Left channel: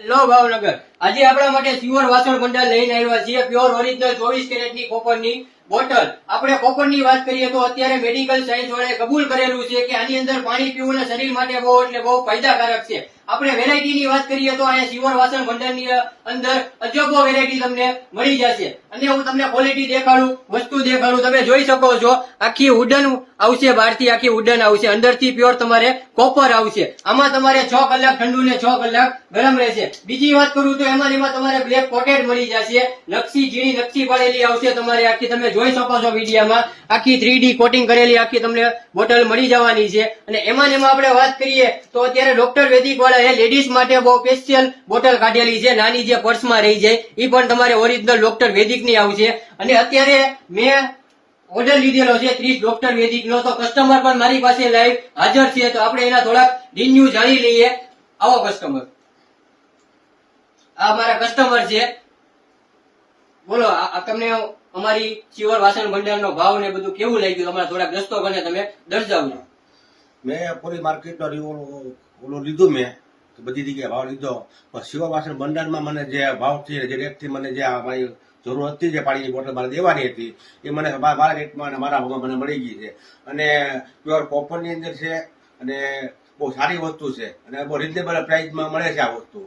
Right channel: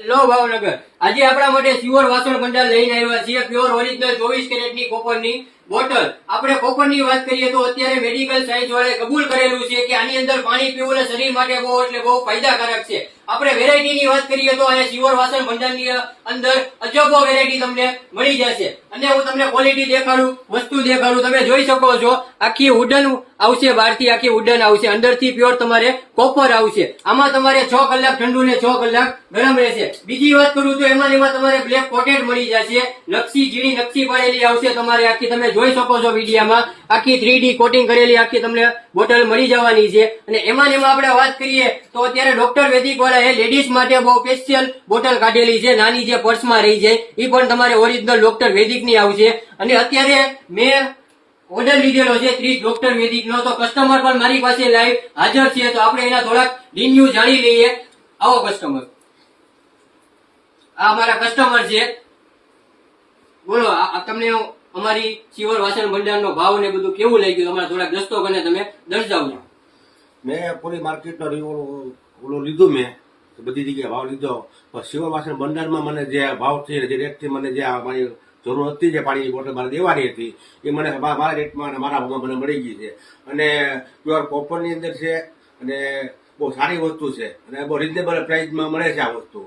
Hello Bhavnagar, આજે આપણા માટે સિયોર વાસણ ભંડાર લઈને આવ્યા છીએ. પ્યોર ઓરિજિનલ 24 કેરેટની કોપરની બોટલ. આપણે કોપરની વાત કરીએ તો અત્યારે મેડિકલ સાયન્સ વાળાએ કબૂલ કરેલું છે કે આની અંદર પાણી પીવું શરીર માટે બહુ એટલે બહુ ફાયદાકારક છે. આપણે વેરાયટીની વાત કરીએ તો અહીંયા સિયોર વાસણ ભંડારની અંદર અજબો વેરાયટી તમને મળી જશે. અને હું તમને ક્વોલિટી દેખાડું, વસ્તુ દેખાડું. તમે જોઈ શકો છો, આખી વુડન આવશે, બહારથી આખી વુડન આવશે, અંદરથી પ્યોર તમારે કોપર આવશે. આમાં તમારે 6 કલાક ઠંડુ ને 6 કલાક ગરમ રહેશે. બીજી વાત કરું તો એમાં તમારે બ્લેક કોટેડ મળી જશે. નકશી ઝીણી નકશી પાડેલી આવશે તમારે આખી. તમે જોઈ શકો છો વિડીયામાં, આખી 3D કોટિંગ કરેલી આખી તમને બોટલ મળી જવાની છે. અને એમાં આપણે વાત કરીએ તો અત્યારે ડોક્ટર વૈદિક વાળાએ લેડીઝ માટે બહુ સ્પેશિયલ બોટલ કાઢેલી છે. નાની જે પર્સમાં રહી છે એ પણ તમારે ઓરિજિનલ ડોક્ટર વૈદિક ની આવશે. અને અત્યારે મેં ઓર્ડર લીધેલો છે 30 ડોક્ટર વૈદિક નો, તો કસ્ટમર પણ મારી પાસે લાઈવ હાજર છે. તો આપણે એના થોડાક રિન્યુ જાણી લઈએ. આવો કસ્ટમર, આ મારા કસ્ટમર છે. બોલો, આ તમને અમારી સિયોર વાસણ ભંડારનો ભાવ ને બધું કેવું લાગ્યું? અમારા થોડાક દસ્તો કરીને તમે દર્શાવજો. મેં પૂરી માર્કેટનો ઓલો લીધું, મેં બધી જગ્યાએ ભાવ લીધો. સિયોર વાસણ ભંડારમાં મને જે ભાવ છે, જે રેટથી મને જે મારી જરૂર હતી, જે પાણીની બોટલ મારે દેવાની હતી, એ મને મારા રેટમાં અને મારા ભાવમાં મને મળી ગઈ છે. અને પ્યોર કોપરની અંદર છે અને બહુ સારી વસ્તુ છે અને બહુ રિઝનેબલ પ્રાઇસમાં મળે છે આ વસ્તુ.